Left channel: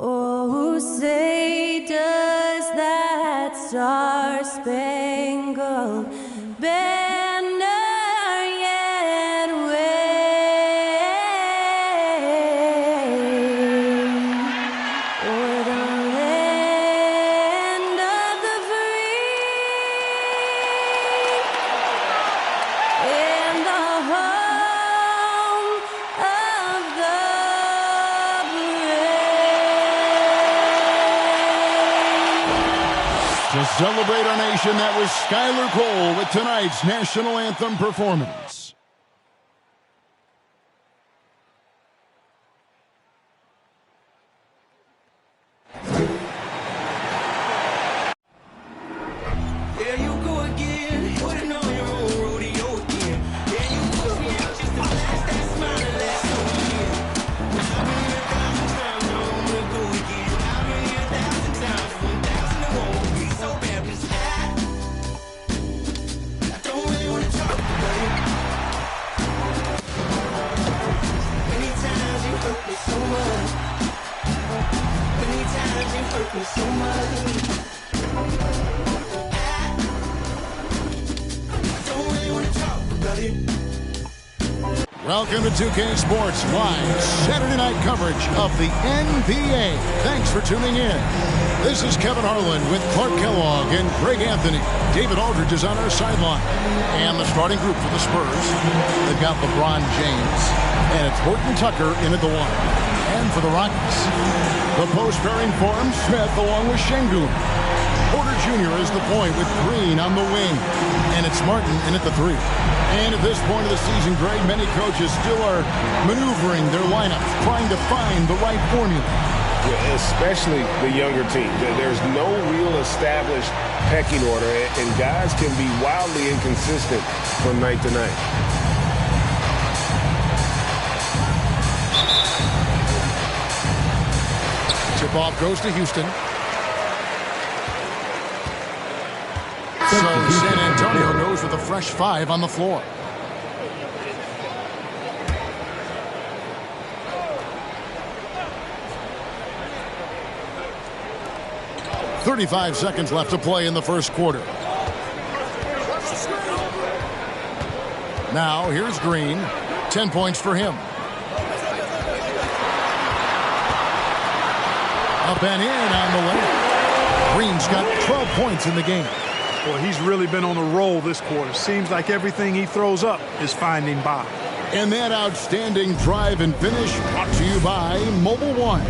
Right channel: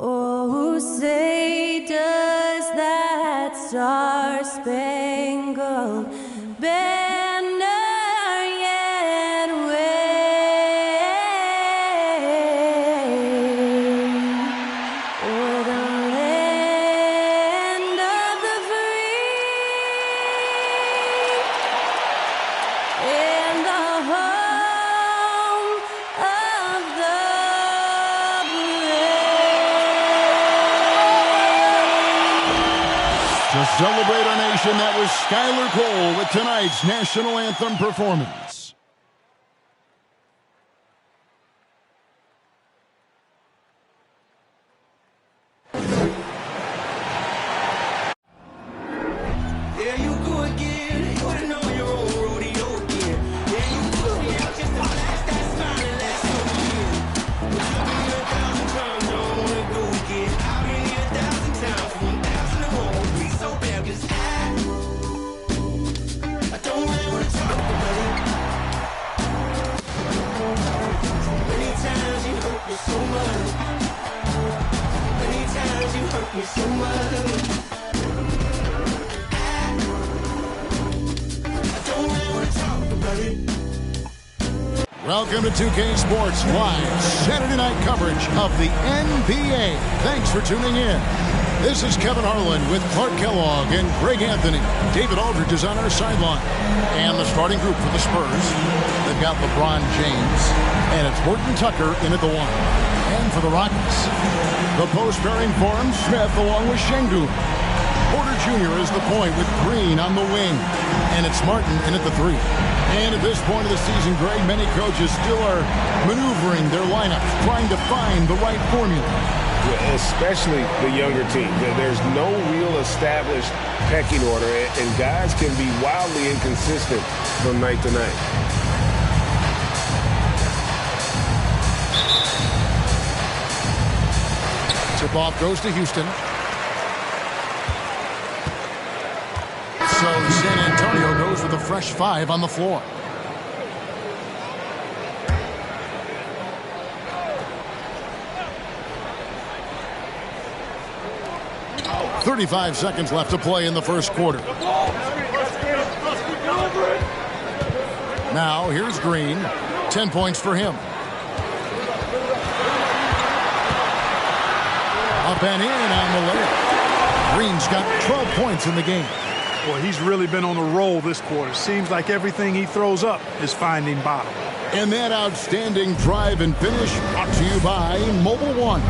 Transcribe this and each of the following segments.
Oh, say does that star-spangled banner yet wave o'er the land of the free and the home of the To celebrate our nation, that was Skylar Cole with tonight's national anthem performance. There you go again. You ain't on your own rodeo again. Yeah, you put me out just to blast that smile and last on the year. But I've been here 1,000 times, I don't wanna go again. I've been here 1,000 times, 1,000 it won't be so bad, 'cause I don't really wanna talk about it. Many times you hurt me so much. Many times you hurt me so much. Welcome to 2K Sports Live Saturday night coverage of the NBA. Thanks for tuning in. This is Kevin Harlan with Clark Kellogg and Greg Anthony. David Aldridge is on our sideline. And the starting group for the Spurs, they've got LeBron James, and it's Horton Tucker in at the one. And for the Rockets, the post pairing form, Smith along with Şengün. Porter Jr. is the point with Green on the wing. And it's Martin in at the three. And at this point of the season, Greg, many coaches still are maneuvering their lineups, trying to find the right formula. Yeah, especially the younger team. There's no real established pecking order, and guys can be wildly inconsistent from night to night. Tip-off goes to Houston. So San Antonio goes with a fresh 5 on the floor. .35 seconds left to play in the first quarter. Now here's Green. 10 points for him. Up and in on the layup. Green's got 12 points in the game. Boy, he's really been on a roll this quarter. Seems like everything he throws up is finding bottom. And that outstanding drive and finish brought to you by Mobile One.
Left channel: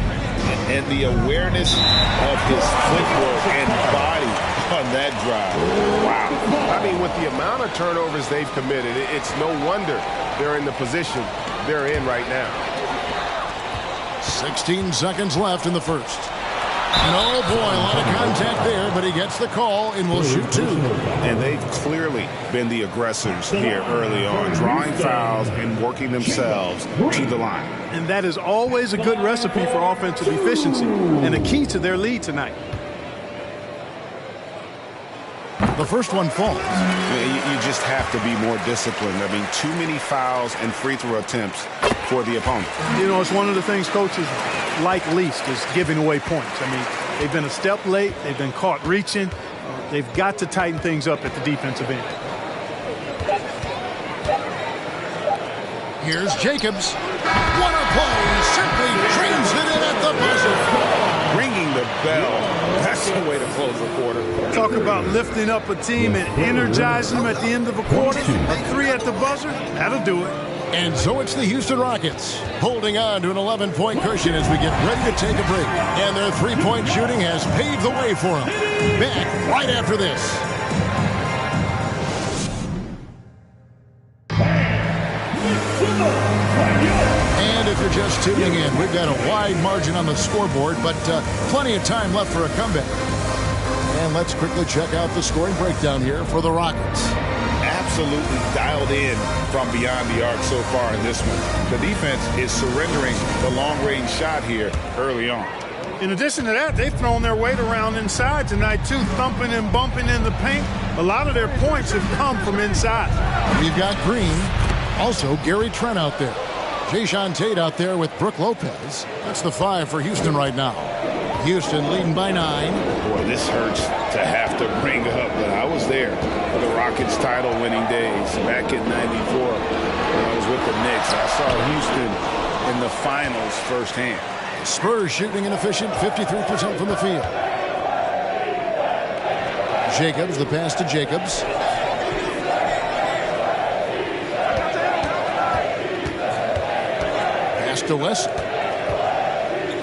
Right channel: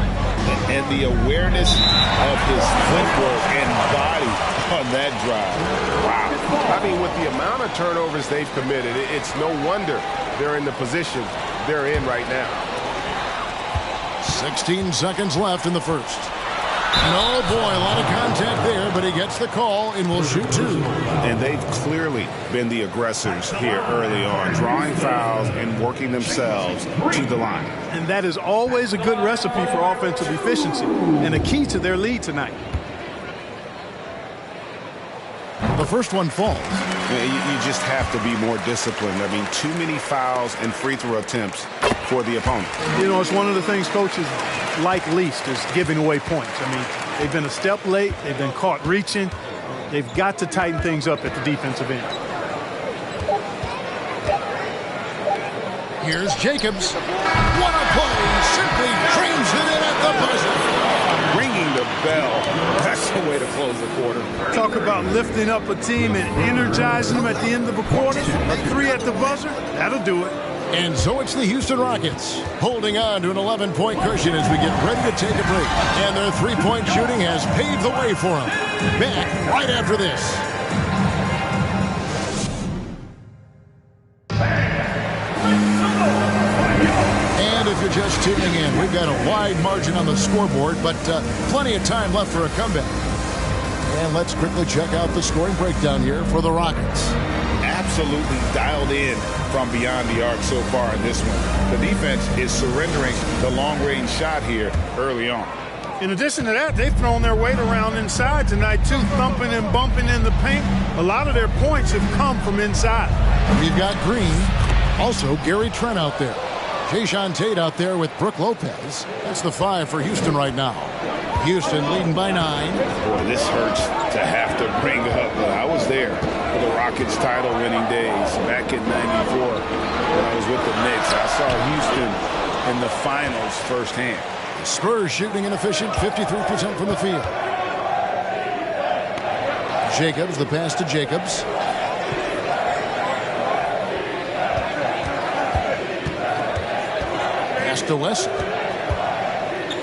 And the awareness of his footwork and body on that drive. Wow. I mean, with the amount of turnovers they've committed, it's no wonder they're in the position they're in right now. 16 seconds left in the first. And oh boy, a lot of contact there, but he gets the call and will shoot 2. And they've clearly been the aggressors here early on, drawing fouls and working themselves to the line. And that is always a good recipe for offensive efficiency and a key to their lead tonight. The first one falls. You just have to be more disciplined. I mean, too many fouls and free throw attempts for the opponent. You know, it's one of the things coaches like least is giving away points. I mean, they've been a step late. They've been caught reaching. They've got to tighten things up at the defensive end. Here's Jacobs. What a play. Simply trains it in at the buzzer. Ringing the bell. That's the way to close the quarter. Talk about lifting up a team and energizing them at the end of a quarter. A 3 at the buzzer, that'll do it. And so it's the Houston Rockets holding on to an 11-point cushion as we get ready to take a break. And their three-point shooting has paved the way for them. Back right after this. And if you're just tuning in, we've got a wide margin on the scoreboard, but plenty of time left for a comeback. And let's quickly check out the scoring breakdown here for the Rockets. Absolutely dialed in from beyond the arc so far in this one. The defense is surrendering the long-range shot here early on. In addition to that, they've thrown their weight around inside tonight, too, thumping and bumping in the paint. A lot of their points have come from inside. We've got Green, also Gary Trent out there. Jayshawn Tate out there with Brooke Lopez. That's the 5 for Houston right now. Houston leading by 9. Boy, this hurts to have to bring up, but I was there for the Rockets title-winning days back in '94 when I was with the Knicks. I saw Houston in the finals firsthand. The Spurs shooting an efficient 53% from the field. Jacobs, the pass to Jacobs. Pass to West.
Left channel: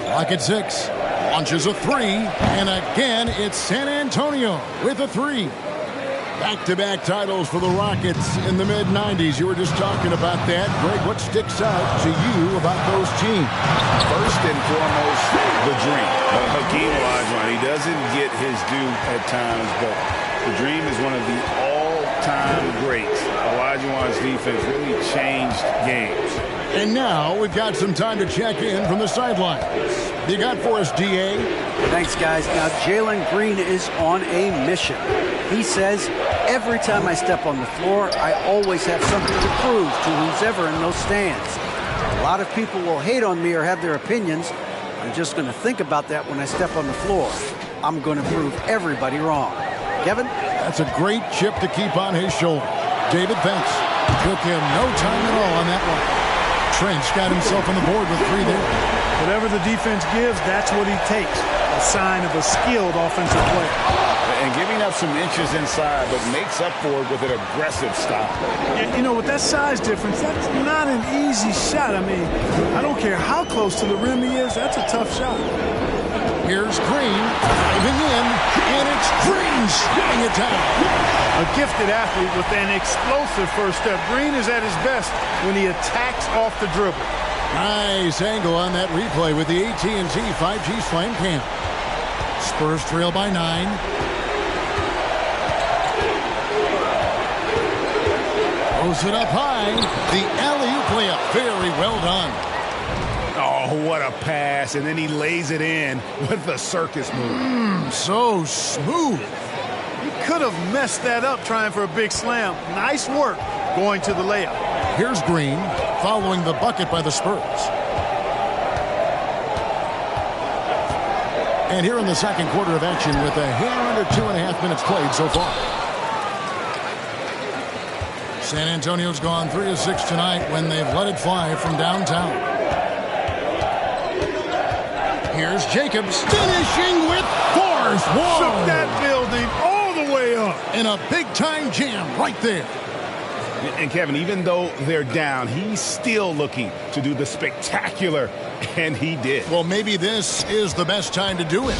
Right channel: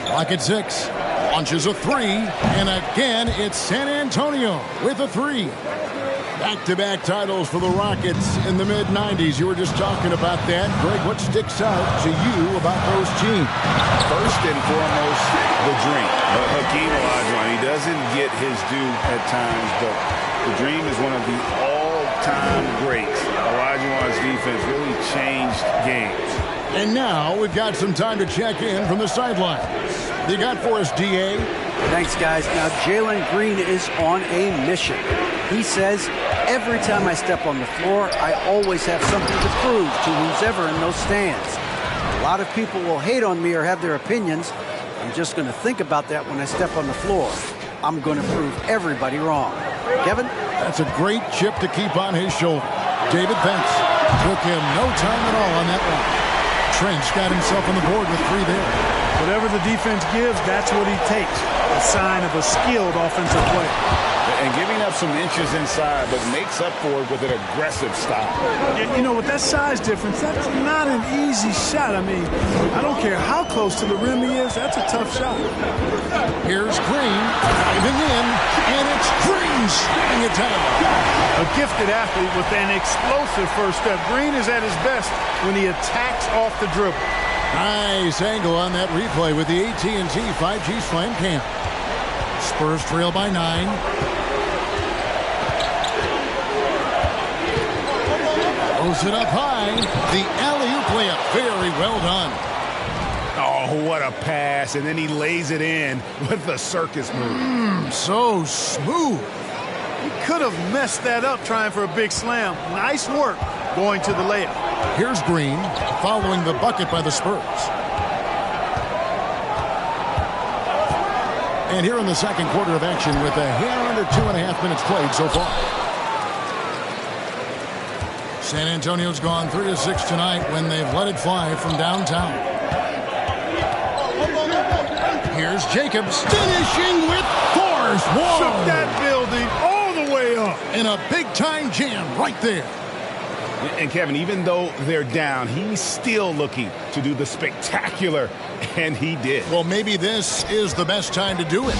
Clock at 6. Launches a 3. And again, it's San Antonio with a 3. Back-to-back titles for the Rockets in the mid-90s. You were just talking about that. Greg, what sticks out to you about those teams? First and foremost, the dream. Hakeem Olajuwon, he doesn't get his due at times, but the dream is one of the all-time greats. Olajuwon's defense really changed games. And now we've got some time to check in from the sidelines. You got for us, D.A.? Thanks, guys. Now, Jalen Green is on a mission. He says, every time I step on the floor, I always have something to prove to who's ever in those stands. A lot of people will hate on me or have their opinions. I'm just going to think about that when I step on the floor. I'm going to prove everybody wrong. Kevin? That's a great chip to keep on his shoulder. David, thanks. Took him no time at all on that one. Trent's got himself on the board with 3 there. Whatever the defense gives, that's what he takes. A sign of a skilled offensive player. And giving up some inches inside, but makes up for it with an aggressive style. You know, with that size difference, that's not an easy shot. I mean, I don't care how close to the rim he is, that's a tough shot. Here's Green diving in, and it's Green slamming it down. A gifted athlete with an explosive first step. Green is at his best when he attacks off the dribble. Nice angle on that replay with the AT&T 5G Slam Cam. Spurs trail by 9. Throws it up high. The alley-oop layup. Very well done. Oh, what a pass. And then he lays it in with the circus move. So smooth. He could have messed that up trying for a big slam. Nice work going to the layup. Here's Green following the bucket by the Spurs. And here in the second quarter of action with a hair under 2.5 minutes played so far. San Antonio's gone 3 of 6 tonight when they've let it fly from downtown. Here's Jacobs finishing with force. Whoa! Shook that building all the way up. And a big-time jam right there. And Kevin, even though they're down, he's still looking to do the spectacular, and he did. Well, maybe this is the best time to do it.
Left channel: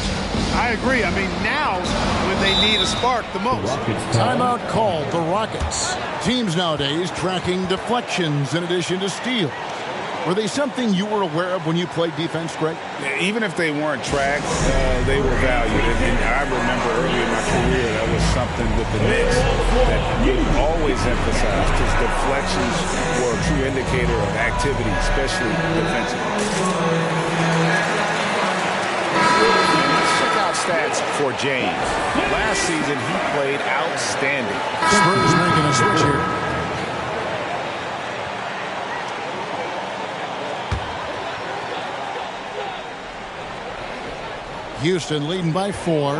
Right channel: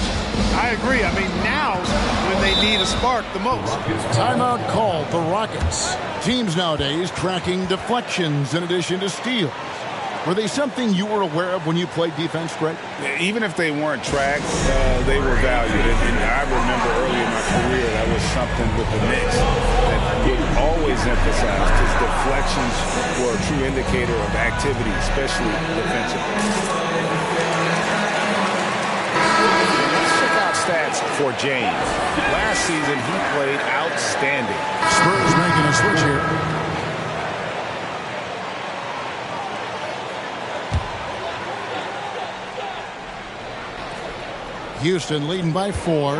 I agree. I mean, now's when they need a spark the most. Timeout called the Rockets. Teams nowadays tracking deflections in addition to steals. Were they something you were aware of when you played defense, Greg? Even if they weren't tracked, they were valued. And I remember early in my career, that was something with the Knicks that would always emphasize, because deflections were a true indicator of activity, especially defensively. And let's check out stats for James. Last season, he played outstanding. Spurs making a switch here. Houston leading by 4.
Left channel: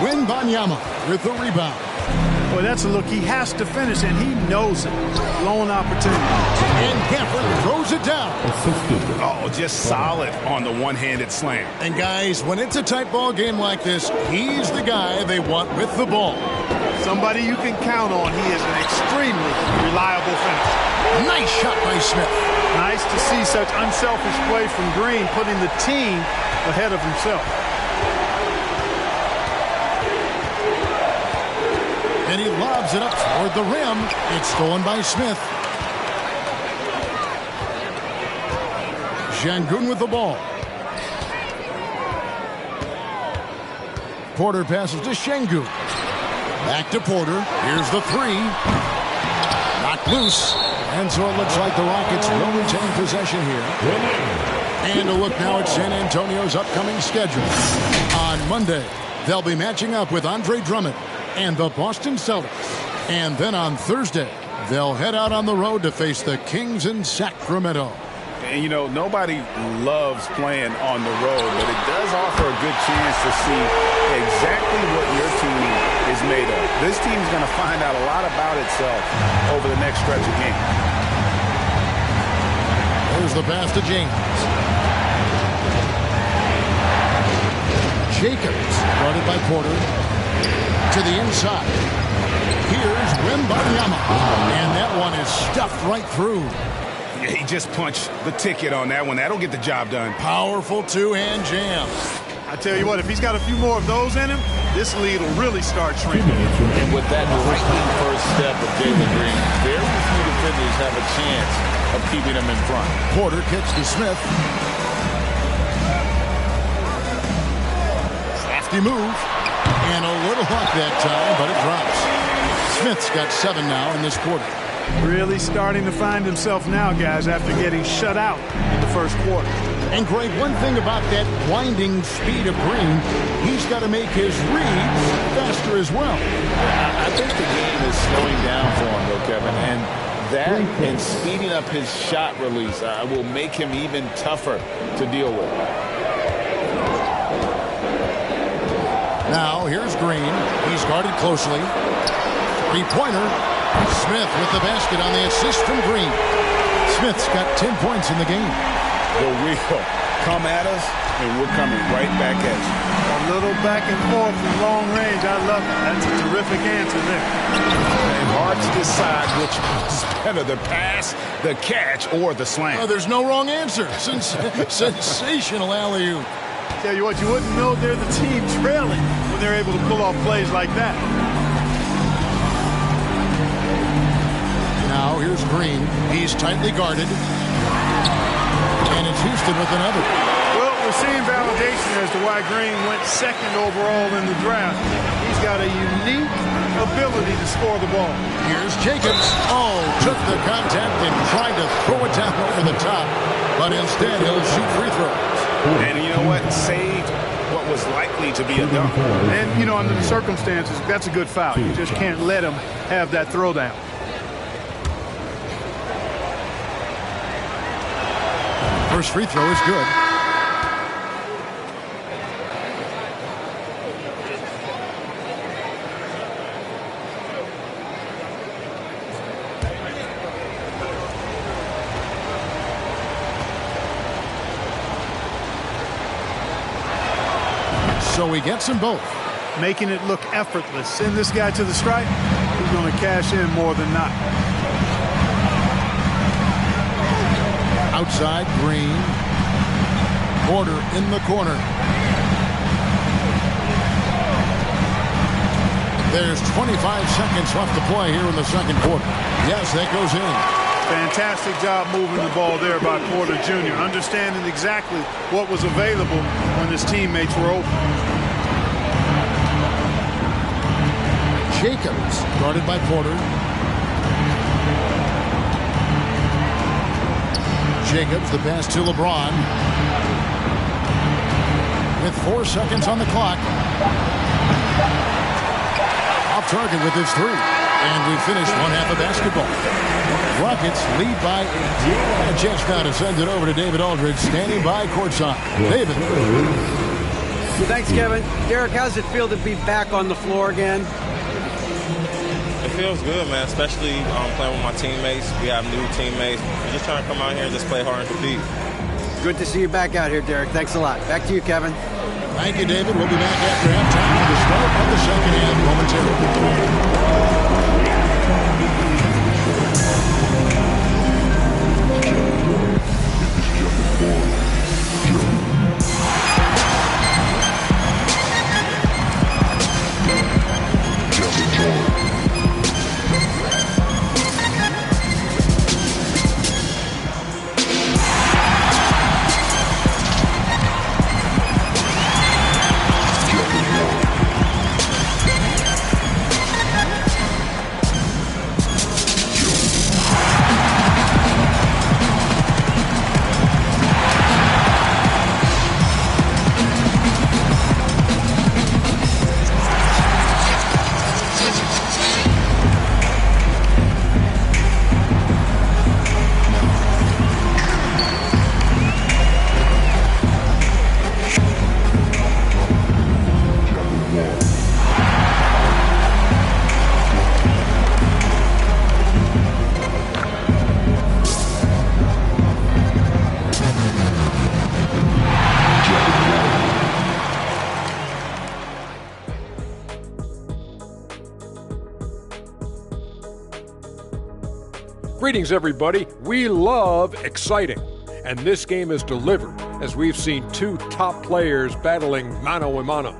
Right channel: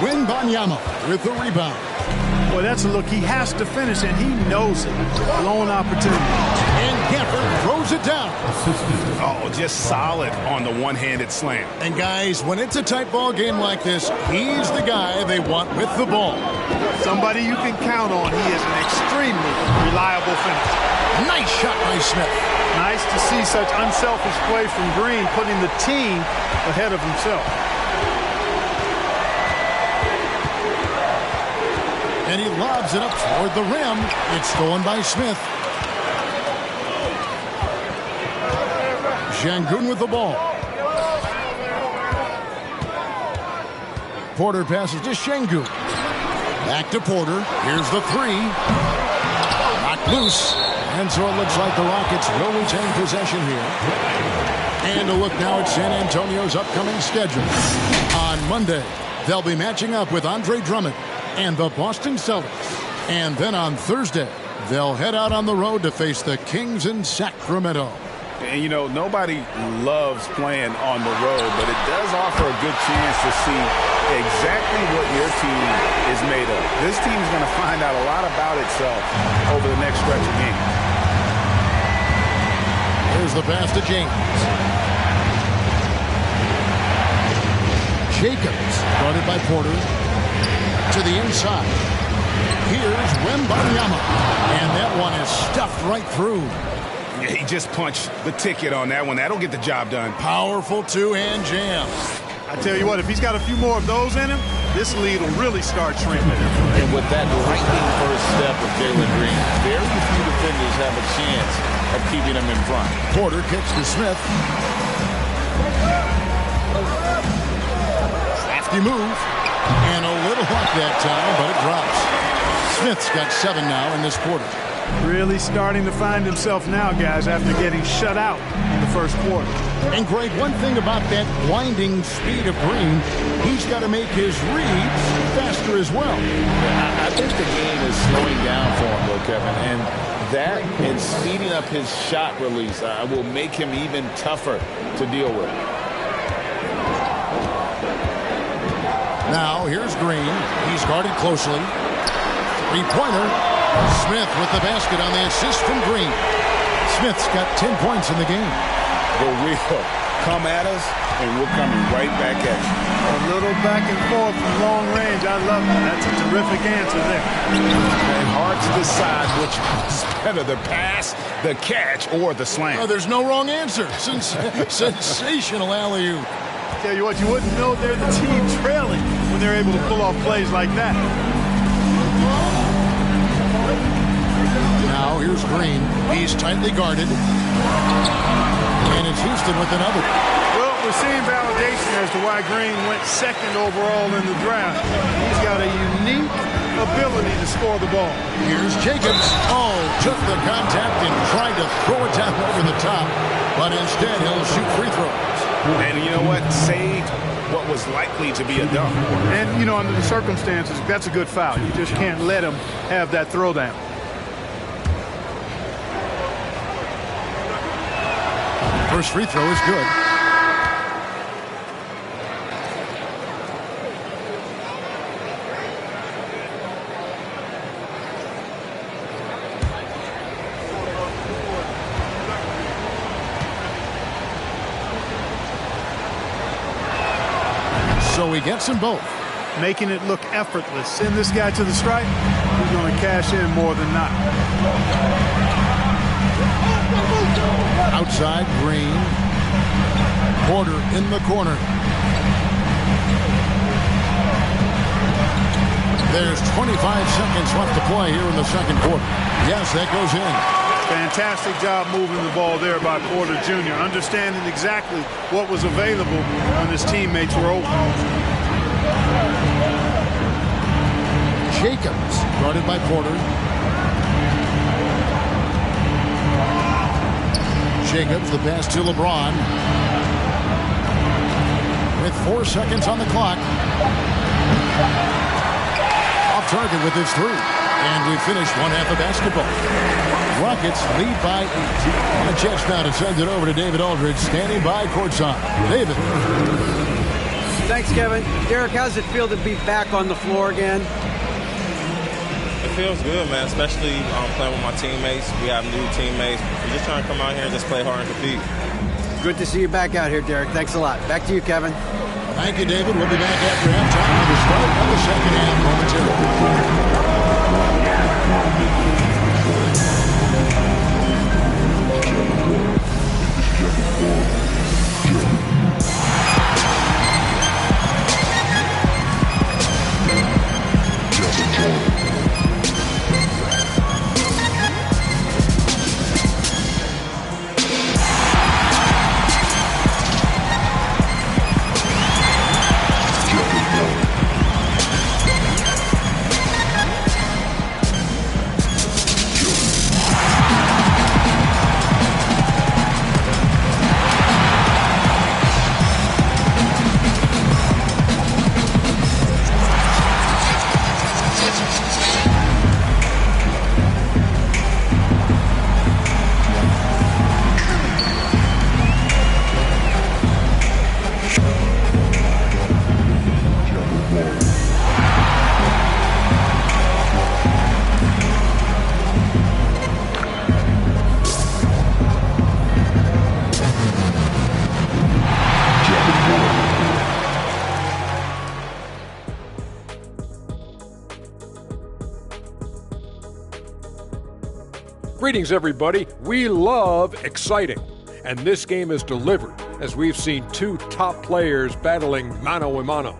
Wembanyama with the rebound. Boy, that's a look he has to finish, and he knows it. Lone opportunity. And Gafford throws it down. Oh, just solid on the one-handed slam. And guys, when it's a tight ball game like this, he's the guy they want with the ball. Somebody you can count on. He is an extremely reliable finisher. Nice shot by Smith. Nice to see such unselfish play from Green, putting the team ahead of himself. And he lobs it up toward the rim. It's stolen by Smith. Şengün with the ball. Porter passes to Şengün. Back to Porter. Here's the 3. Knocked loose. And so it looks like the Rockets will retain possession here. And a look now at San Antonio's upcoming schedule. On Monday, they'll be matching up with Andre Drummond and the Boston Celtics. And then on Thursday, they'll head out on the road to face the Kings in Sacramento. And, you know, nobody loves playing on the road, but it does offer a good chance to see exactly what your team is made of. This team is going to find out a lot about itself over the next stretch of games. Here's the pass to James. Jacobs, guarded by Porter. To the inside. Here's Wembanyama. And that one is stuffed right through. Yeah, he just punched the ticket on that one. That'll get the job done. Powerful two-hand jam. I tell you what, if he's got a few more of those in him, this lead will really start shrinking. And with that lightning first step of Jalen Green, very few defenders have a chance of keeping him in front. Porter kicks to Smith. Crafty move. And a little luck that time, but it drops. Smith's got 7 now in this quarter. Really starting to find himself now, guys, after getting shut out in the first quarter. And, Greg, one thing about that blinding speed of Green, he's got to make his reads faster as well. I think the game is slowing down for him, though, Kevin. And that and speeding up his shot release will make him even tougher to deal with. Now, here's Green. He's guarded closely. Three-pointer. Smith with the basket on the assist from Green. Smith's got 10 points in the game. The real come at us, and we're coming right back at you. A little back and forth from long range. I love it. That's a terrific answer there. And hard to decide which was better, the pass, the catch, or the slam. Oh, there's no wrong answer. Sensational alley-oop. Tell you what, you wouldn't know they're the team trailing when they're able to pull off plays like that. Now here's Green. He's tightly guarded. And it's Houston with another. Well, we're seeing validation as to why Green went second overall in the draft. He's got a unique ability to score the ball. Here's Jacobs. Oh, took the contact and tried to throw it down over the top. But instead, he'll shoot free throws. And you know what? Saved what was likely to be a dunk. And, you know, under the circumstances, that's a good foul. You just can't let him have that throwdown. First free throw is good. So he gets them both. Making it look effortless. Send this guy to the stripe. He's going to cash in more than not. Outside, Green. Porter in the corner. There's 25 seconds left to play here in the second quarter. Yes, that goes in. Fantastic job moving the ball there by Porter Jr., understanding exactly what was available when his teammates were open. Jacobs, guarded by Porter. Jacobs, the pass to LeBron. With 4 seconds on the clock. Off target with his three. And we finished one half of basketball. Rockets lead by 8. A chance now to send it over to David Aldridge, standing by courtside. David. Thanks, Kevin. Derek, how's it feel to be back on the floor again? It feels good, man, especially playing with my teammates. We have new teammates. We're just trying to come out here and just play hard and compete. Good to see you back out here, Derek. Thanks a lot. Back to you, Kevin. Thank you, David. We'll be back after halftime for the start of the second half Greetings, everybody. We love exciting. And this game is delivered as we've seen two top players battling mano-a-mano.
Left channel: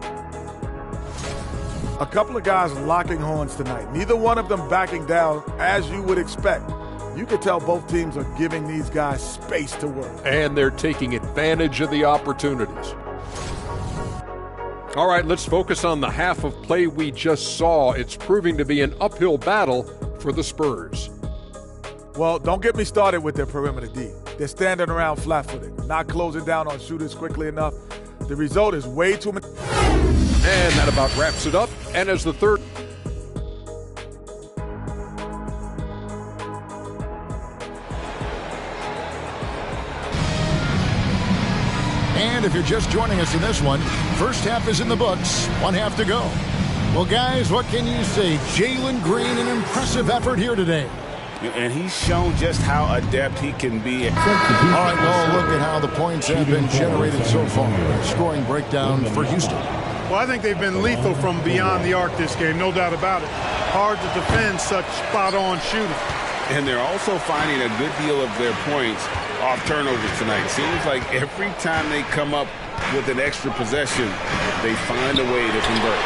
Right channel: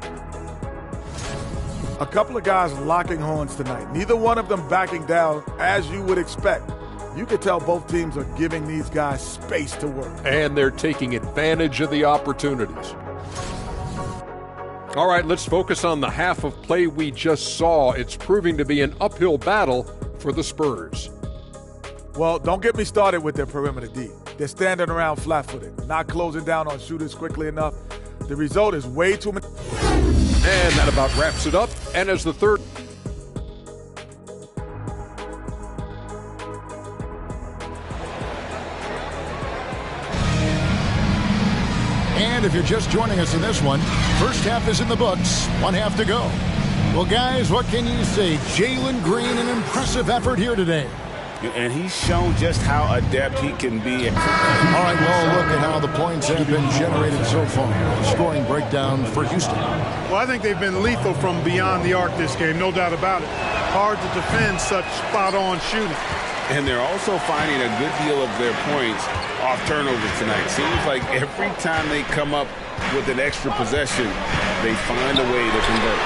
A couple of guys locking horns tonight. Neither one of them backing down as you would expect. You can tell both teams are giving these guys space to work. And they're taking advantage of the opportunities. All right, let's focus on the half of play we just saw. It's proving to be an uphill battle for the Spurs. Well, don't get me started with their perimeter D. They're standing around flat-footed, not closing down on shooters quickly enough. The result is way too many. And that about wraps it up. And as the third... And if you're just joining us in this one, first half is in the books, one half to go. Well, guys, what can you say? Jalen Green, an impressive effort here today. And he's shown just how adept he can be. All right, well, look at how the points have been generated so far. Scoring breakdown for Houston. Well, I think they've been lethal from beyond the arc this game, no doubt about it. Hard to defend such spot-on shooting. And they're also finding a good deal of their points off turnovers tonight. Seems like every time they come up with an extra possession, they find a way to convert.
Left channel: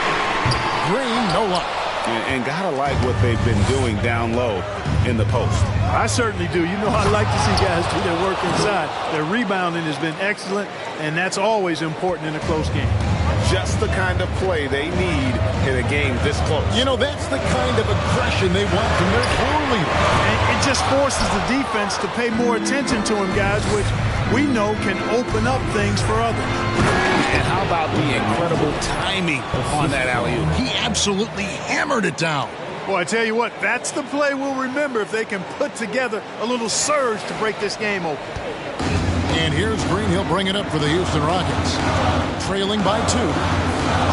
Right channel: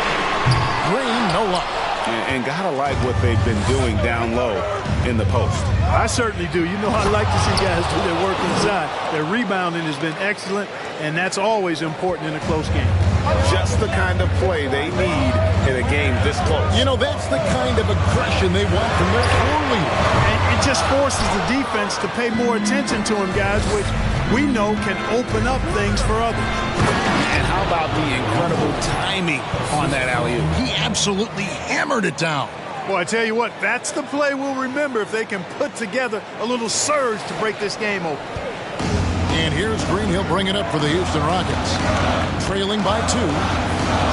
Green, no luck. And gotta like what they've been doing down low in the post. I certainly do. You know, I like to see guys do their work inside. Their rebounding has been excellent, and that's always important in a close game. Just the kind of play they need in a game this close. You know, that's the kind of aggression they want from their floor leader. And it just forces the defense to pay more attention to him, guys, which we know can open up things for others. And how about the incredible timing on that alley-oop? He absolutely hammered it down. Well, I tell you what, that's the play we'll remember if they can put together a little surge to break this game open. And here's Green. He'll bring it up for the Houston Rockets. Trailing by 2.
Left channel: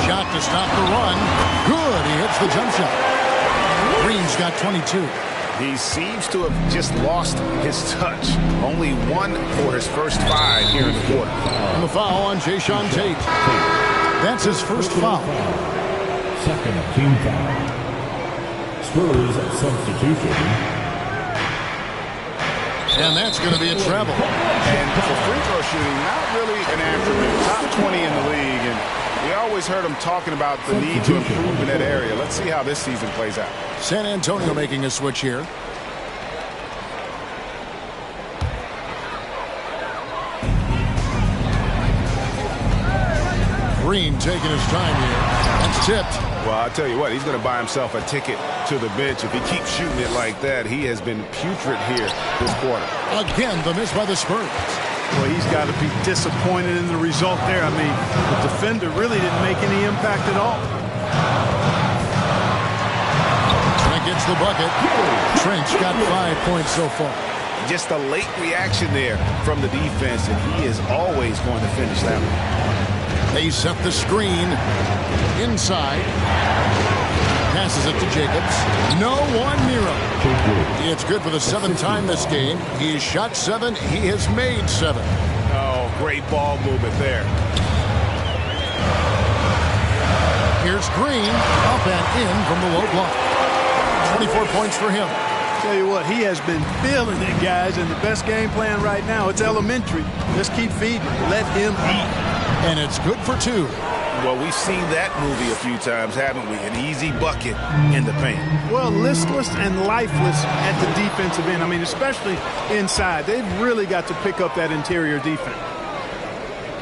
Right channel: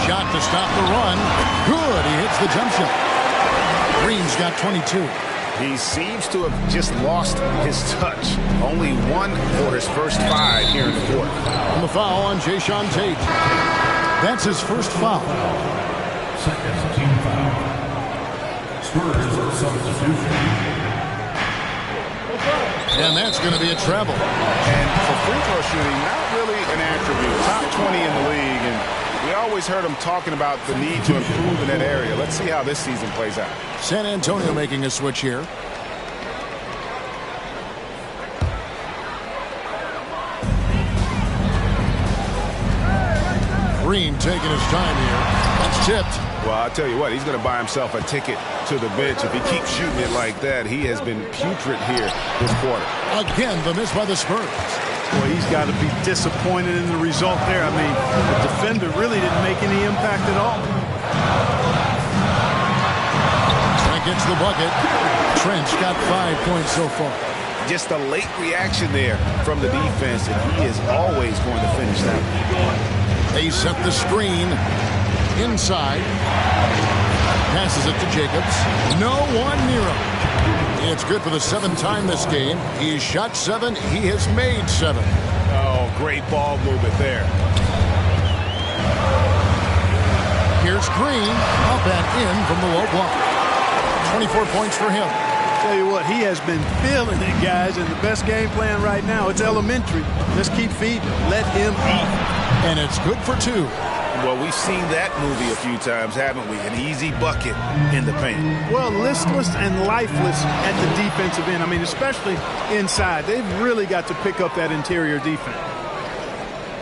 Shot to stop the run. Good. He hits the jump shot. Green's got 22. He seems to have just lost his touch. Only 1 for his first 5 here in the quarter. And the foul on Jayshawn Tate. That's his first foul. Second team foul. Spurs substitution. And that's going to be a travel. And for free throw shooting, not really an attribute. Top 20 in the league, and we always heard him talking about the need to improve in that area. Let's see how this season plays out. San Antonio making a switch here. Green taking his time here. That's tipped. Well, I'll tell you what, he's going to buy himself a ticket to the bench. If he keeps shooting it like that, he has been putrid here this quarter. Again, the miss by the Spurs. Well, he's got to be disappointed in the result there. I mean, the defender really didn't make any impact at all. Trent gets the bucket. Trent's got 5 points so far. Just a late reaction there from the defense, and he is always going to finish that one. They set the screen inside. Passes it to Jacobs. No one near him. It's good for the 7th time this game. He's shot 7. He has made 7. Oh, great ball movement there. Here's Green. Up and in from the low block. 24 points for him. Tell you what, he has been feeling it, guys, and the best game plan right now, it's elementary. Just keep feeding him. Let him eat. And it's good for 2. Well, we've seen that movie a few times, haven't we? An easy bucket in the paint. Well, listless and lifeless at the defensive end. I mean, especially inside. They've really got to pick up that interior defense.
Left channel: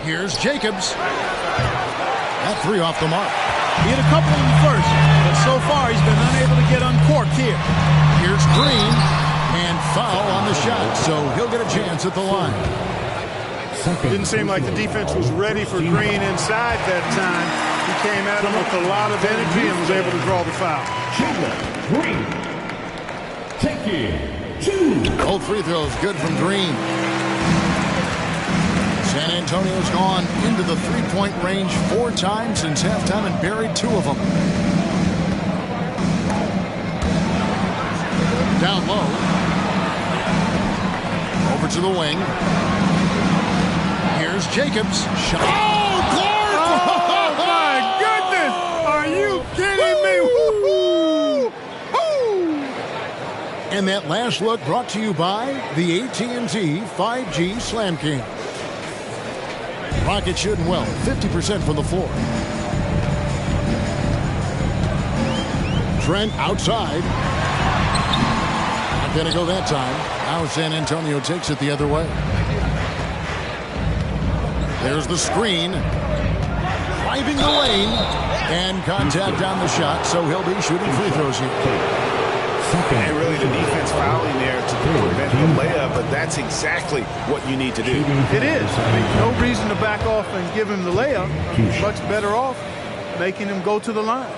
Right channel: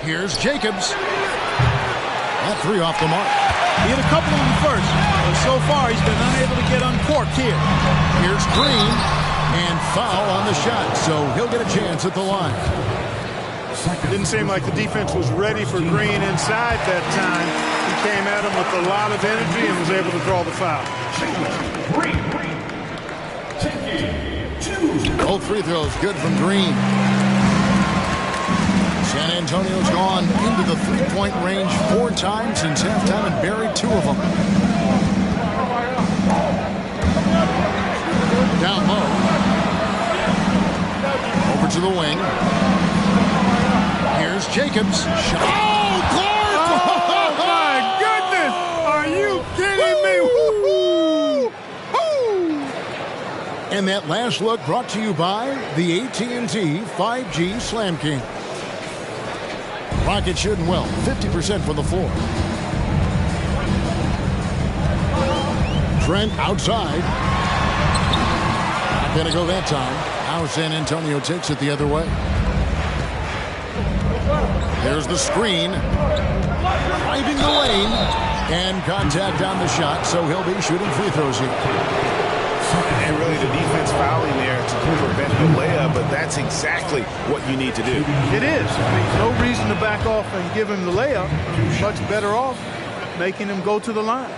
Here's Jacobs. That 3 off the mark. He hit a couple of them first, but so far he's been unable to get uncorked here. Here's Green. And foul on the shot, so he'll get a chance at the line. Didn't seem like the defense was ready for Green inside that time. He came at him with a lot of energy and was able to draw the foul. Jalen Green taking 2. Both free throws good from Green. San Antonio's gone into the 3-point range 4 times since halftime and buried 2 of them. Down low. Over to the wing. Here's Jacobs. Shot. Oh, Clark! Oh, my goodness! Are you kidding me? Woo-hoo! And that last look brought to you by the AT&T 5G Slam Cam. Rockets shooting well, 50% from the floor. Trent outside. Not going to go that time. Now San Antonio takes it the other way. There's the screen. Driving the lane. And contact on the shot, so he'll be shooting free throws here. And really the defense fouling there to prevent the layup, but that's exactly what you need to do. It is. I mean, no reason to back off and give him the layup. Much better off making him go to the line.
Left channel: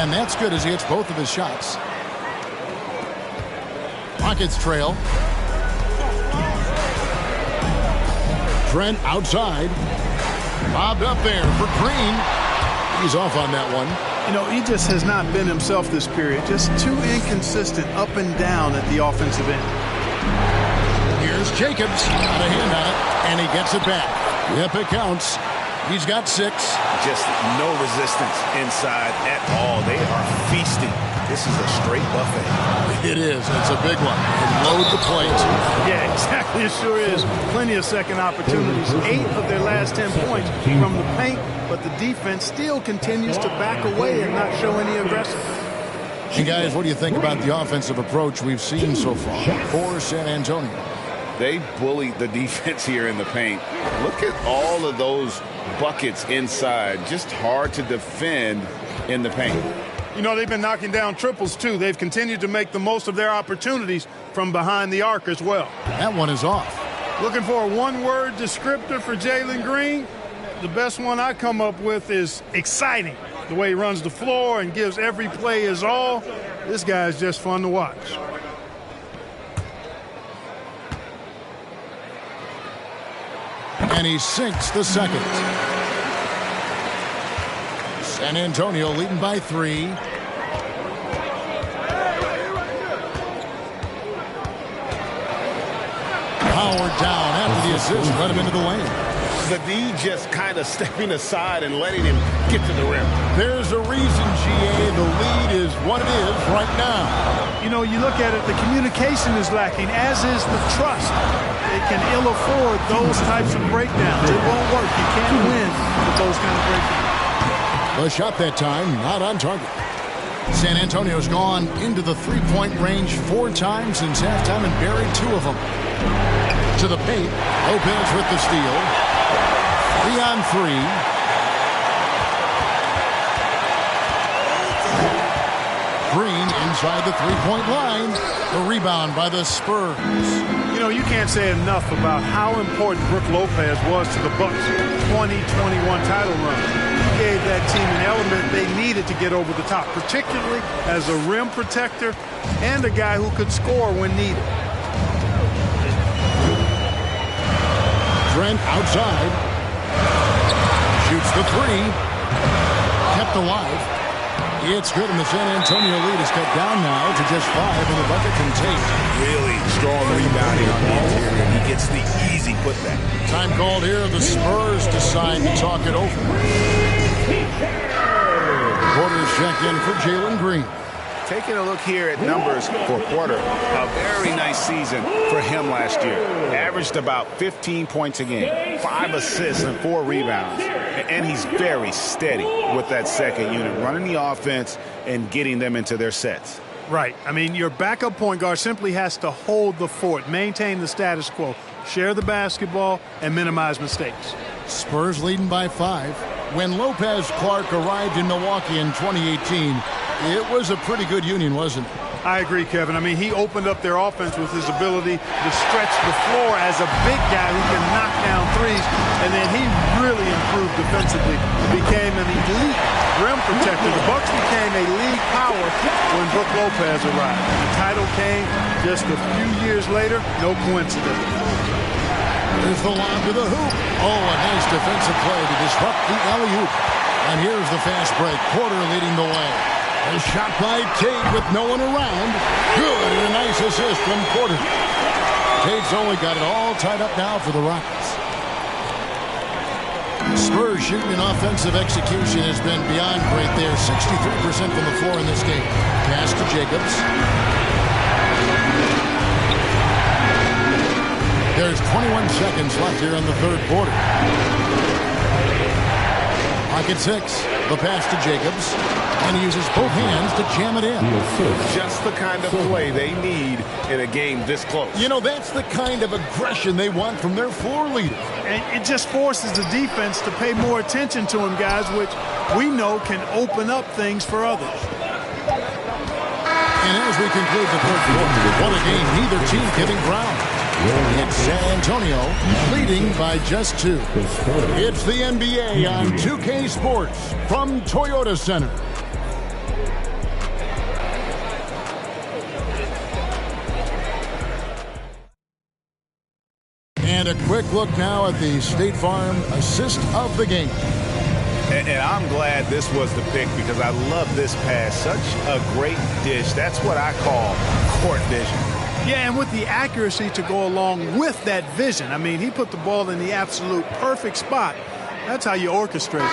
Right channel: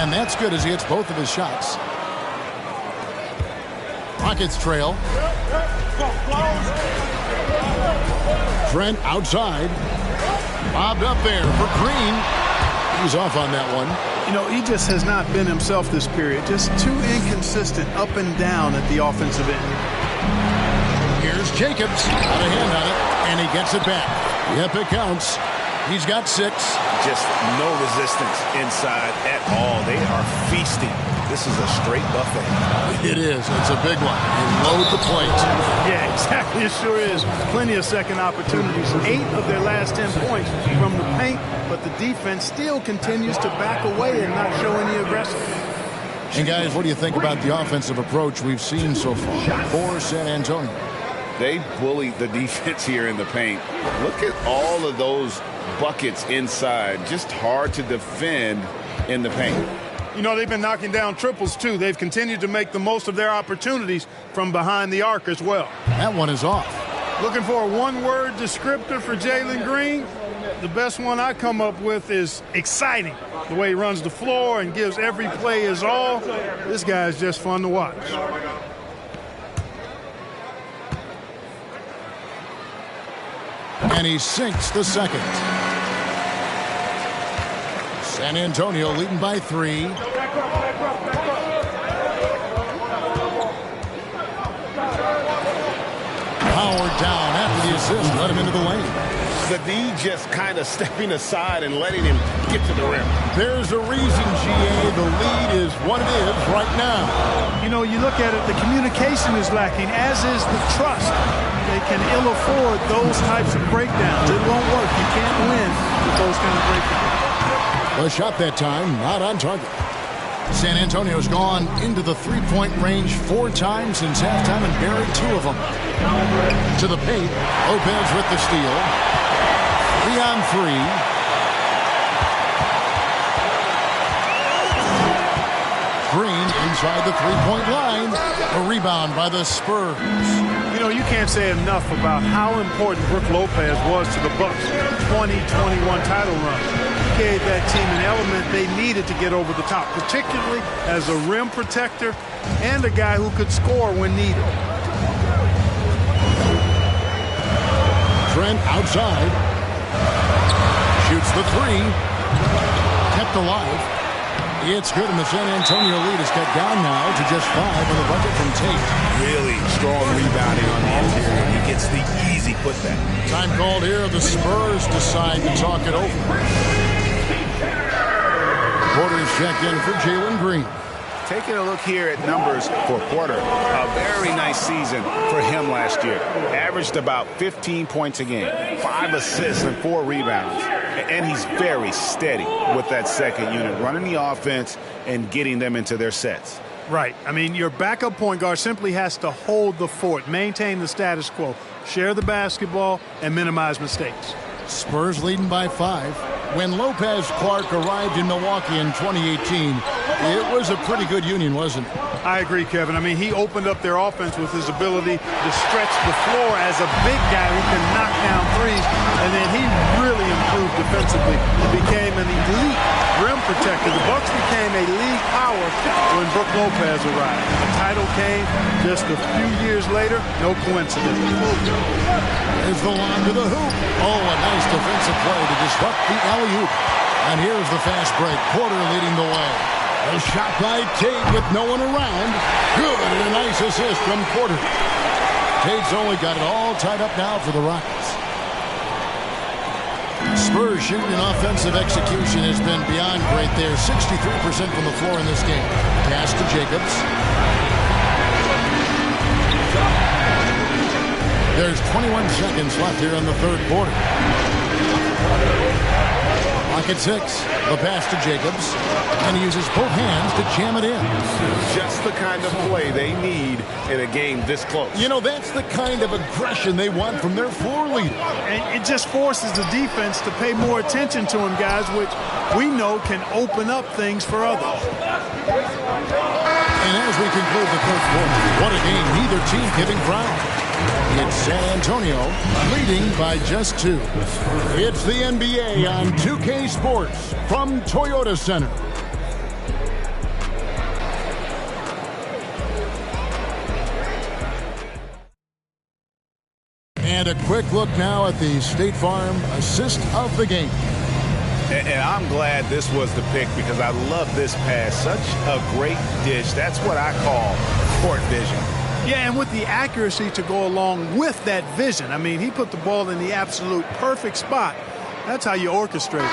And that's good as he hits both of his shots. Rockets trail. Trent outside. Lobbed up there for Green. He's off on that one. You know, he just has not been himself this period. Just too inconsistent up and down at the offensive end. Here's Jacobs. Got a hand on it, and he gets it back. Yep, it counts. He's got 6. Just no resistance inside at all. They are feasting. This is a straight buffet. It is. It's a big one. And load the plate. Yeah, exactly. It sure is. Plenty of second opportunities. 8 of their last 10 points from the paint, but the defense still continues to back away and not show any aggression. And guys, what do you think about the offensive approach we've seen so far for San Antonio? They bullied the defense here in the paint. Look at all of those buckets inside. Just hard to defend in the paint. You know, they've been knocking down triples, too. They've continued to make the most of their opportunities from behind the arc as well. That one is off. Looking for a one-word descriptor for Jalen Green? The best one I come up with is exciting. The way he runs the floor and gives every play his all. This guy is just fun to watch. And he sinks the second. San Antonio leading by 3. Howard down after the assist. Let him into the lane. The D just kind of stepping aside and letting him get to the rim. There's a reason, GA, the lead is what it is right now. You know, you look at it, the communication is lacking, as is the trust. They can ill afford those types of breakdowns. It won't work. You can't win with those kind of breakdowns. The shot that time, not on target. San Antonio's gone into the three-point range 4 times since halftime and buried 2 of them. To the paint, Lopez with the steal. 3-on-3. Green inside the three-point line. A rebound by the Spurs. You know, you can't say enough about how important Brook Lopez was to the Bucks' 2021 title run. He gave that team an element they needed to get over the top, particularly as a rim protector and a guy who could score when needed. Trent outside. Shoots the 3. Kept alive. It's good, and the San Antonio lead is cut down now to just 5 on the bucket from Tate. Really strong rebounding on the interior. He gets the easy putback. Time called here. The Spurs decide to talk it over. Porter's checked in for Jalen Green. Taking a look here at numbers for Porter, a very nice season for him last year. Averaged about 15 points a game, 5 assists and 4 rebounds. And he's very steady with that second unit, running the offense and getting them into their sets. Right. I mean, your backup point guard simply has to hold the fort, maintain the status quo, share the basketball, and minimize mistakes. Spurs leading by 5. When Lopez Clark arrived in Milwaukee in 2018, it was a pretty good union, wasn't it? I agree, Kevin. I mean, he opened up their offense with his ability to stretch the floor as a big guy who can knock down threes, and then he really improved defensively. He became an elite rim protector. The Bucks became a league power when Brook Lopez arrived, and the title came just a few years later. No coincidence. There's the lob to the hoop. Oh, a nice defensive play to disrupt the alley-oop. And here's the fast break. Porter leading the way. A shot by Tate with no one around. Good, and a nice assist from Porter. Tate's only got it all tied up now for the Rockets. Spurs shooting and offensive execution has been beyond great there. 63% from the floor in this game. Pass to Jacobs. There's 21 seconds left here in the third quarter. Clock at 6. The pass to Jacobs. And he uses both hands to jam it in. Just the kind of play they need in a game this close. You know, that's the kind of aggression they want from their floor leader. And it just forces the defense to pay more attention to him, guys, which we know can open up things for others. And as we conclude the third quarter, what a game. Neither team giving ground. It's San Antonio leading by just 2. It's the NBA on 2K Sports from Toyota Center. And a quick look now at the State Farm assist of the game. And I'm glad this was the pick because I love this pass. Such a great dish. That's what I call court vision. Yeah, and with the accuracy to go along with that vision. I mean, he put the ball in the absolute perfect spot. That's how you orchestrate it.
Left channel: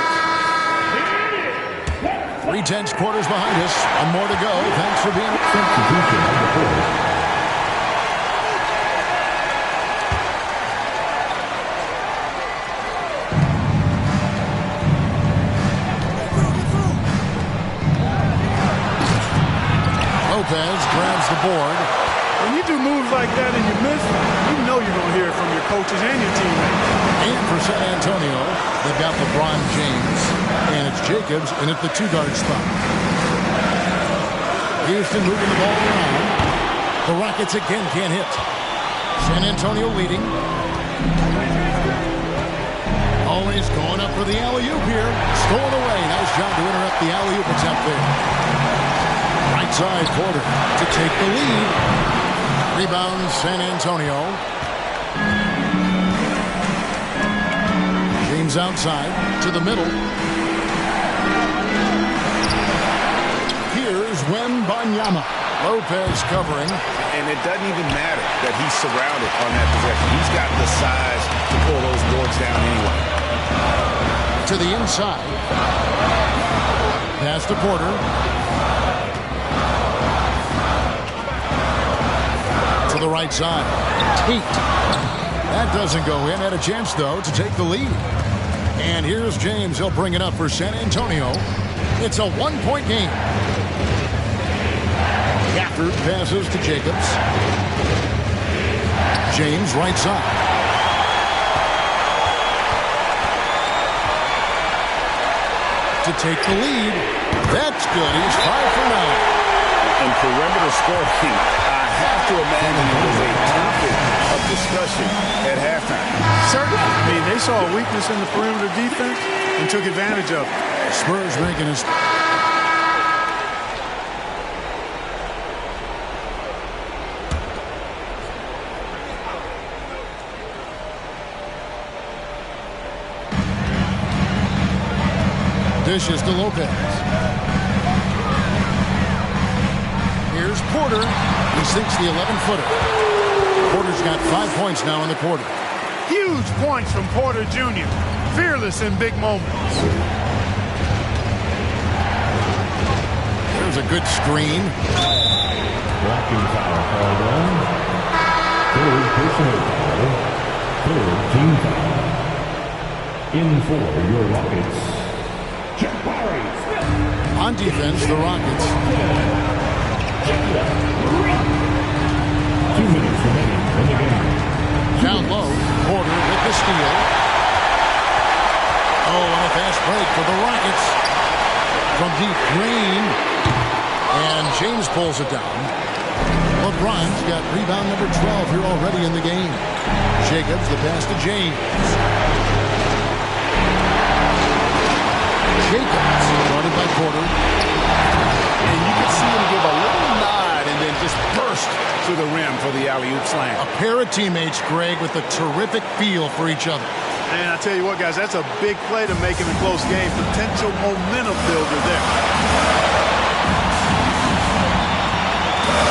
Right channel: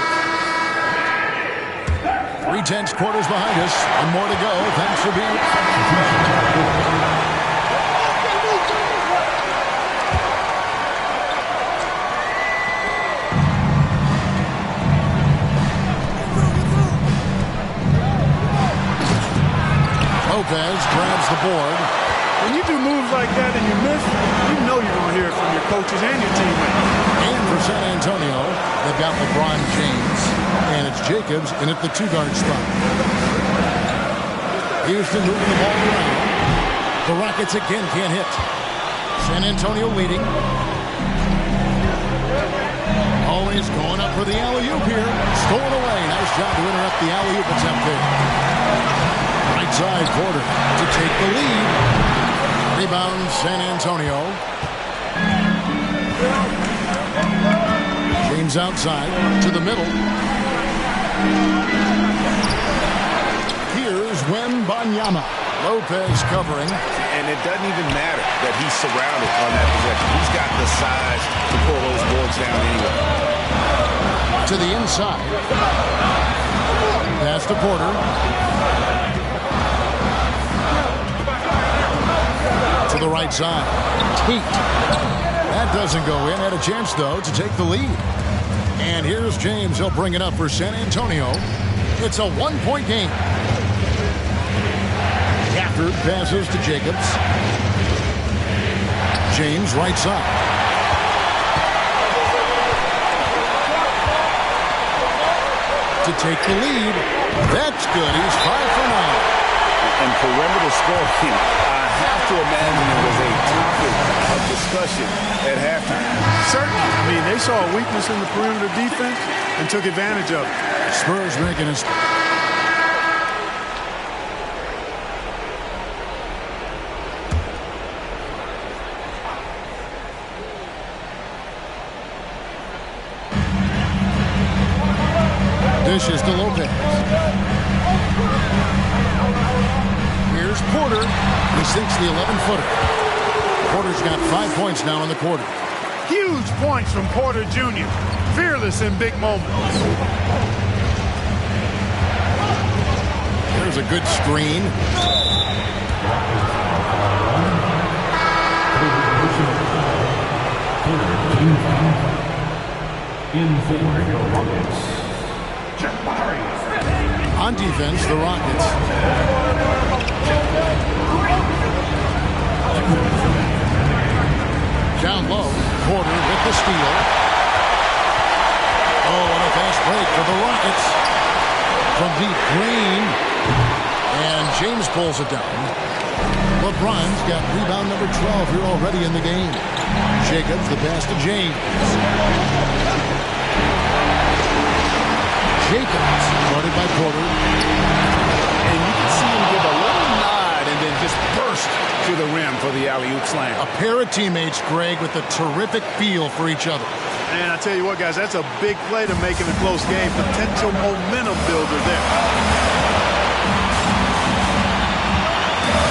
3/10 quarters behind us. One more to go. Thanks for being... Lopez grabs the board. When you do moves like that and you miss, you know you're going to hear it from your coaches and your teammates. And for San Antonio, they've got LeBron James, and it's Jacobs in at the 2-guard spot. Houston moving the ball around. The Rockets again can't hit. San Antonio leading. Always going up for the alley-oop here. Stolen away. Nice job to interrupt the alley-oop attempt there. Right side, Porter to take the lead. Rebound, San Antonio. James outside to the middle. Here's Wembanyama. Lopez covering. And it doesn't even matter that he's surrounded on that possession. He's got the size to pull those boards down anyway. To the inside. Pass to Porter. To the right side. Tate. That doesn't go in. Had a chance, though, to take the lead. And here's James. He'll bring it up for San Antonio. It's a one-point game. Gafford passes to Jacobs. James, right side. To take the lead. That's good. He's 5 for 9. And perimeter scoring, I have to imagine it was a topic of discussion at halftime. Certainly. I mean, they saw a weakness in the perimeter defense and took advantage of it. Spurs making a... Dishes to Lopez. Here's Porter. He sinks the 11-footer. Porter's got 5 points now in the quarter. Huge points from Porter Jr. Fearless in big moments. There's a good screen. Blocking foul called on. Third personal foul. Third team foul. In for your Rockets. On defense, the Rockets. 2 minutes remaining in the game. Down low, Porter with the steal. Oh, and a fast break for the Rockets. From deep, Green. And James pulls it down. LeBron's got rebound number 12 here already in the game. Jacobs, the pass to James. Jacobs, guarded by Porter. And you can see him give a little nod and then just burst to the rim for the alley-oop slam. A pair of teammates, Greg, with a terrific feel for each other. And I tell you what, guys, that's a big play to make in a close game. Potential momentum builder there.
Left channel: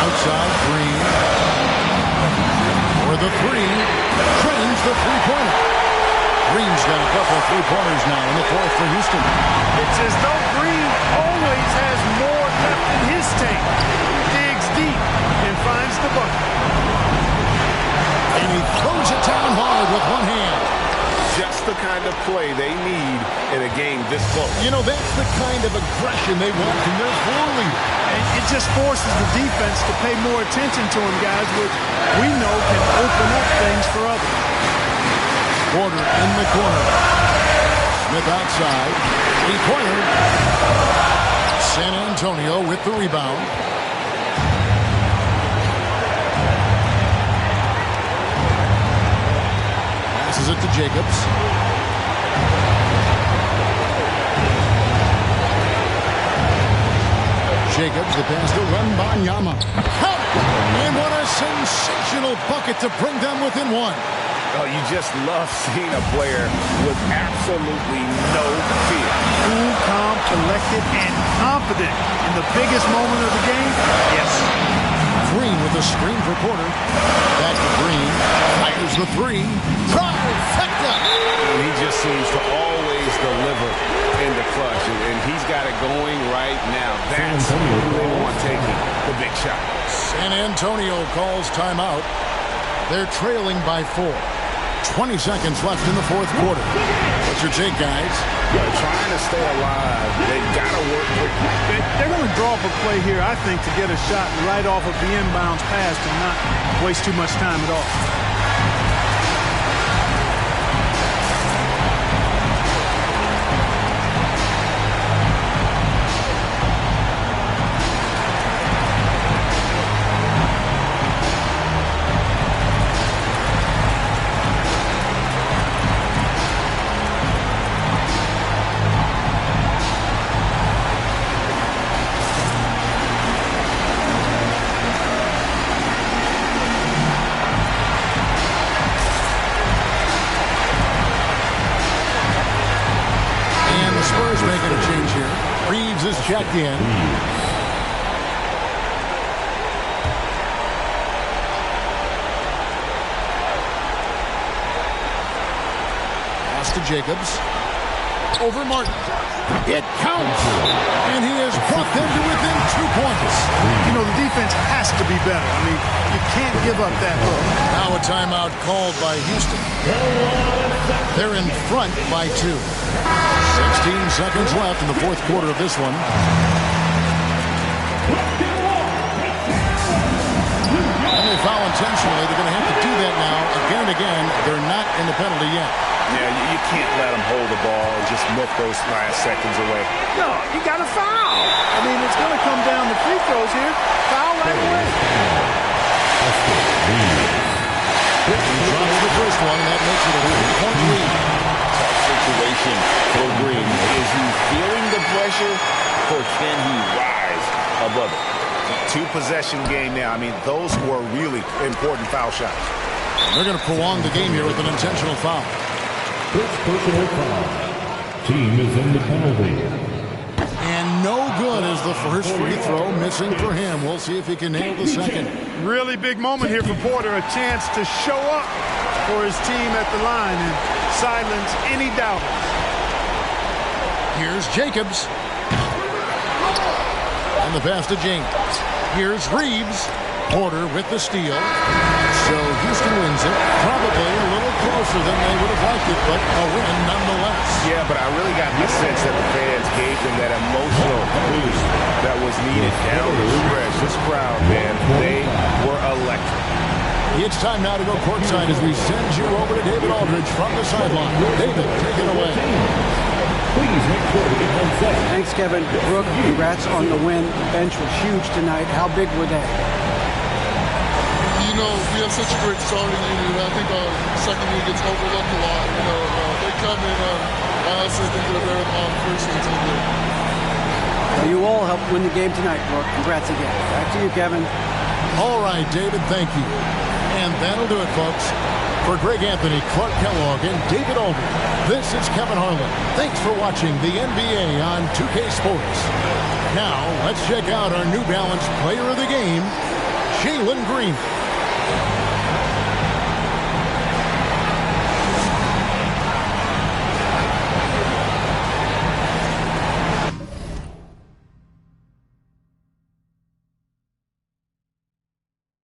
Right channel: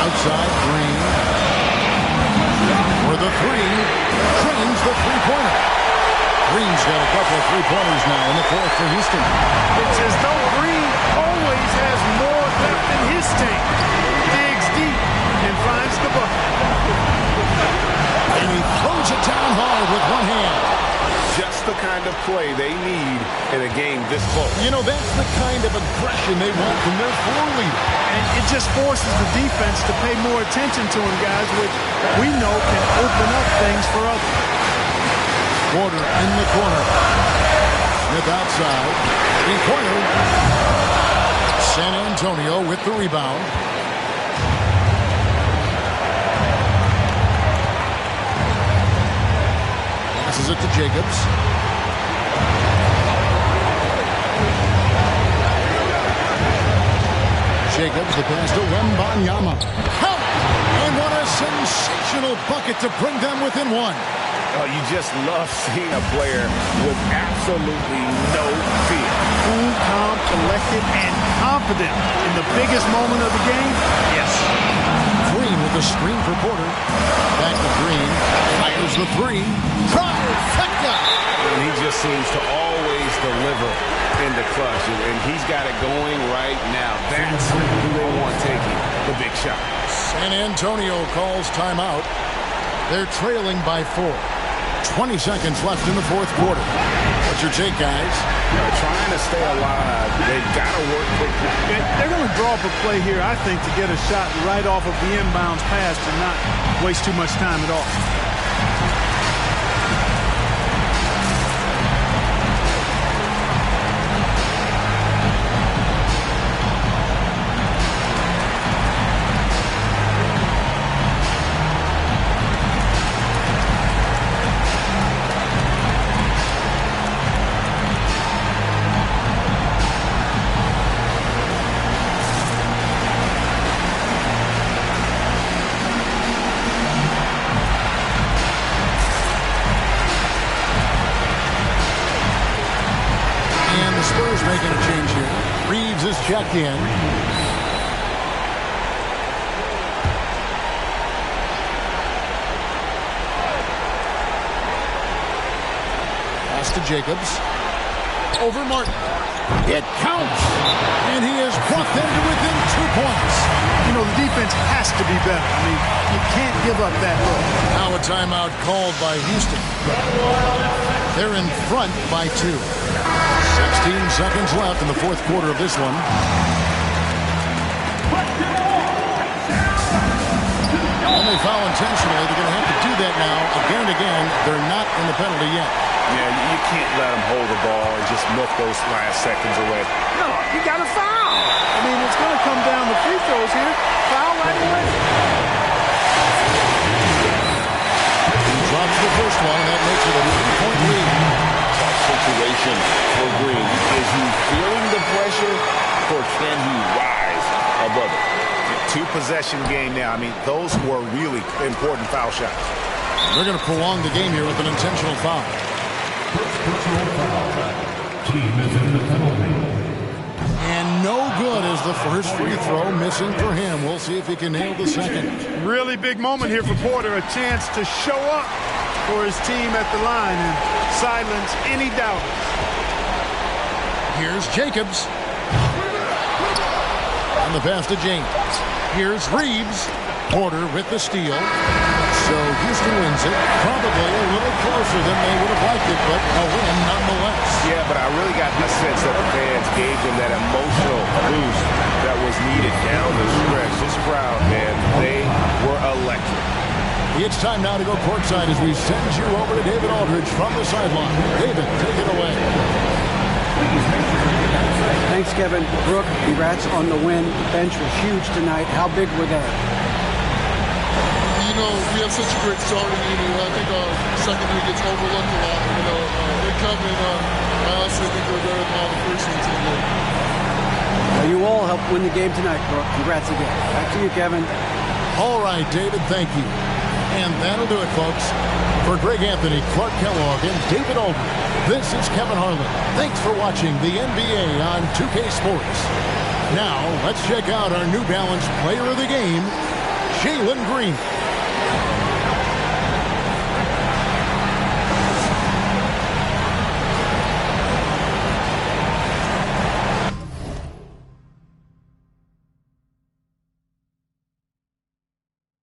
Outside, Green. For the three. Trains the three-pointer. Green's got a couple of three-pointers now in the fourth for Houston. It's as though Green always has more left in his tank. Digs deep and finds the bucket. And he throws it down hard with one hand. Just the kind of play they need in a game this close. You know, that's the kind of aggression they want from their floor leader. And it just forces the defense to pay more attention to him, guys, which we know can open up things for others. Porter in the corner. Smith outside. Three-pointer. San Antonio with the rebound. Passes it to Jacobs. Jacobs, the pass to Wembanyama. Count it! And what a sensational bucket to bring them within one. Oh, you just love seeing a player with absolutely no fear. Cool, calm, collected, and confident in the biggest moment of the game. Yes. Green with a screen for Porter. Back to Green. Fires the three. Trifecta! And he just seems to always deliver in the clutch. And he's got it going right now. That's who they want taking the big shot. San Antonio calls timeout. They're trailing by 4. 20 seconds left in the fourth quarter. What's your take, guys? Trying to stay alive. They've got to work quickly. They're going to draw up a play here, I think, to get a shot right off of the inbounds pass and not waste too much time at all. Spurs making a change here. Reeves is checked in. Pass to Jacobs. Over Martin. It counts. And he has brought them to within 2 points. You know, the defense has to be better. I mean, you can't give up that look. Now a timeout called by Houston. They're in front by 2. 16 seconds left in the fourth quarter of this one. And they foul intentionally. They're going to have to do that now again and again. They're not in the penalty yet. Yeah, you can't let them hold the ball and just milk those last seconds away. No, you got to foul. I mean, it's going to come down to free throws here. Foul right away. He drops the first one, and that makes it a 3-point lead. Tough situation for Green. Is he feeling the pressure, or can he rise above it? 2-possession game now. I mean, those were really important foul shots. They're going to prolong the game here with an intentional foul. First personal foul. Team is in the penalty. And no good is the first free throw, missing for him. We'll see if he can nail the second. Really big moment here for Porter. A chance to show up for his team at the line and silence any doubters. Here's Jacobs. And the pass to James. Here's Reeves. Porter with the steal. So Houston wins it. Probably a little closer than they would have liked it, but a win nonetheless. Yeah, but I really got the sense that the fans gave them that emotional boost that was needed down the stretch. This crowd, man, they were electric. It's time now to go courtside as we send you over to David Aldridge from the sideline. David, take it away. Please make sure to get home safe. Thanks, Kevin. Brooke, congrats on the win. The bench was huge tonight. How big were they? You know, we have such a great starting unit. I think our second unit gets overlooked a lot. You know, they come in. I honestly think they're better than all the first units in the league. Well, you all helped win the game tonight, Brooke. Congrats again. Back to you, Kevin. All right, David, thank you. And that'll do it, folks. For Greg Anthony, Clark Kellogg, and David Aldridge, this is Kevin Harlan. Thanks for watching the NBA on 2K Sports. Now, let's check out our New Balance player of the game, Jalen Green.